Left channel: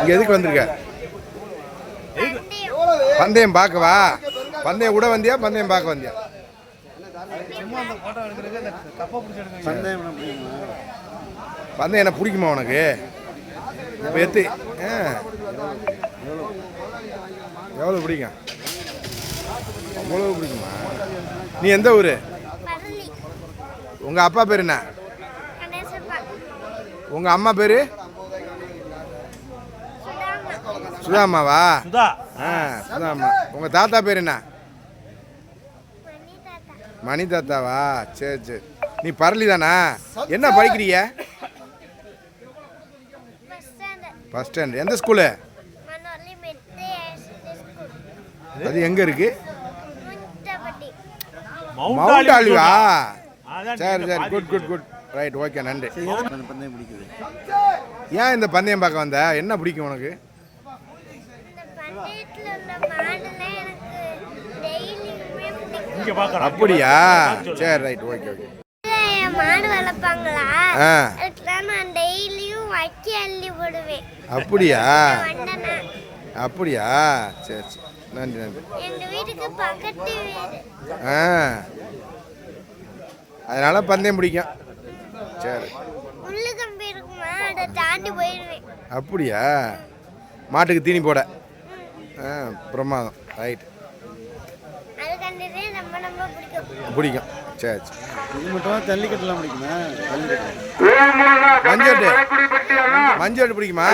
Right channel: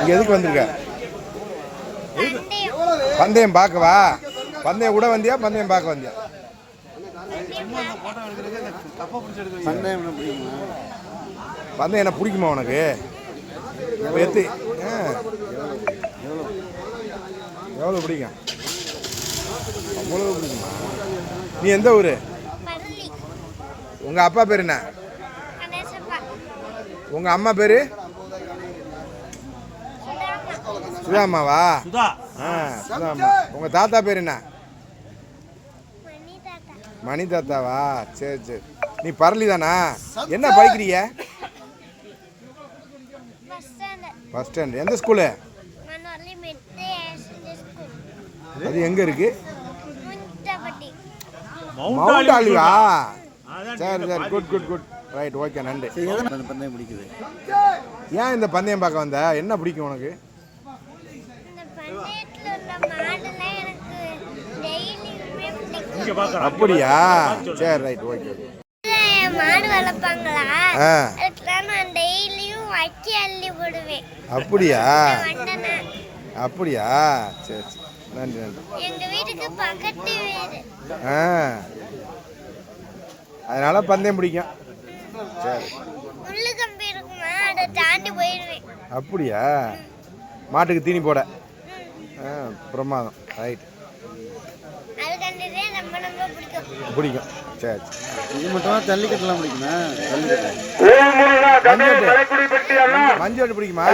இங்கே எதுக்கு வந்திருக்க? பந்தயம் பார்க்கவா? பந்தயம் கூட வந்தியா பந்தயம் பார்க்க வந்தியா? பந்தயம் என்ன பிடிக்குமா உனக்கு? எத்து எவ்வளோ பிடிக்கும்? அவ்வளோ பிடிக்குமா? நீ எந்த ஊர்? உங்கள் அப்பா பேர் என்ன? உங்கள் அம்மா பேர்? சுதாமாவா? சுதாமா. உங்கள் தாத்தா பேர் என்ன? மணி தாத்தாவா? சரி சரி. நீ பரளி தானா? என்ன படிக்கிறீங்க? First standard. எந்த ஸ்கூலு? அது எங்கே இருக்கு? மவுண்ட் ஆலிவா? சரி சரி. Good good good. Right, okay, நன்றி. பந்தயம் பிடிக்குது. ஏன் இந்த பந்தயம் பார்க்க வந்த? என்ன பிடிக்கும் உனக்கு? அப்படியா? சரி, ரைட், ஓகே ஓகே. மாடு வளர்ப்பாங்களா? நான் டெய்லியும் வக்கி அள்ளி போடுவேன். அப்படியா? அப்படியா? சரி சரி, நன்றி நன்றி. எங்க வீட்டுக்கு பக்கத்து வீடு. அதனால பந்தயம் பிடிக்கும். சரி. முள்ளு கம்பி இருக்குமா, அதை தாண்டி போயிடுவேன். அப்படியா? மாட்டுக்கு தீனி போட. பிரமாதம். ரைட். அது கண்டுட்டே நம்ம பிடிக்கும். சரி சரி. இது மட்டும் ஜல்லிக்கட்டுலாம் பிடிக்குமா? மஞ்சள் பிடிக்குமா?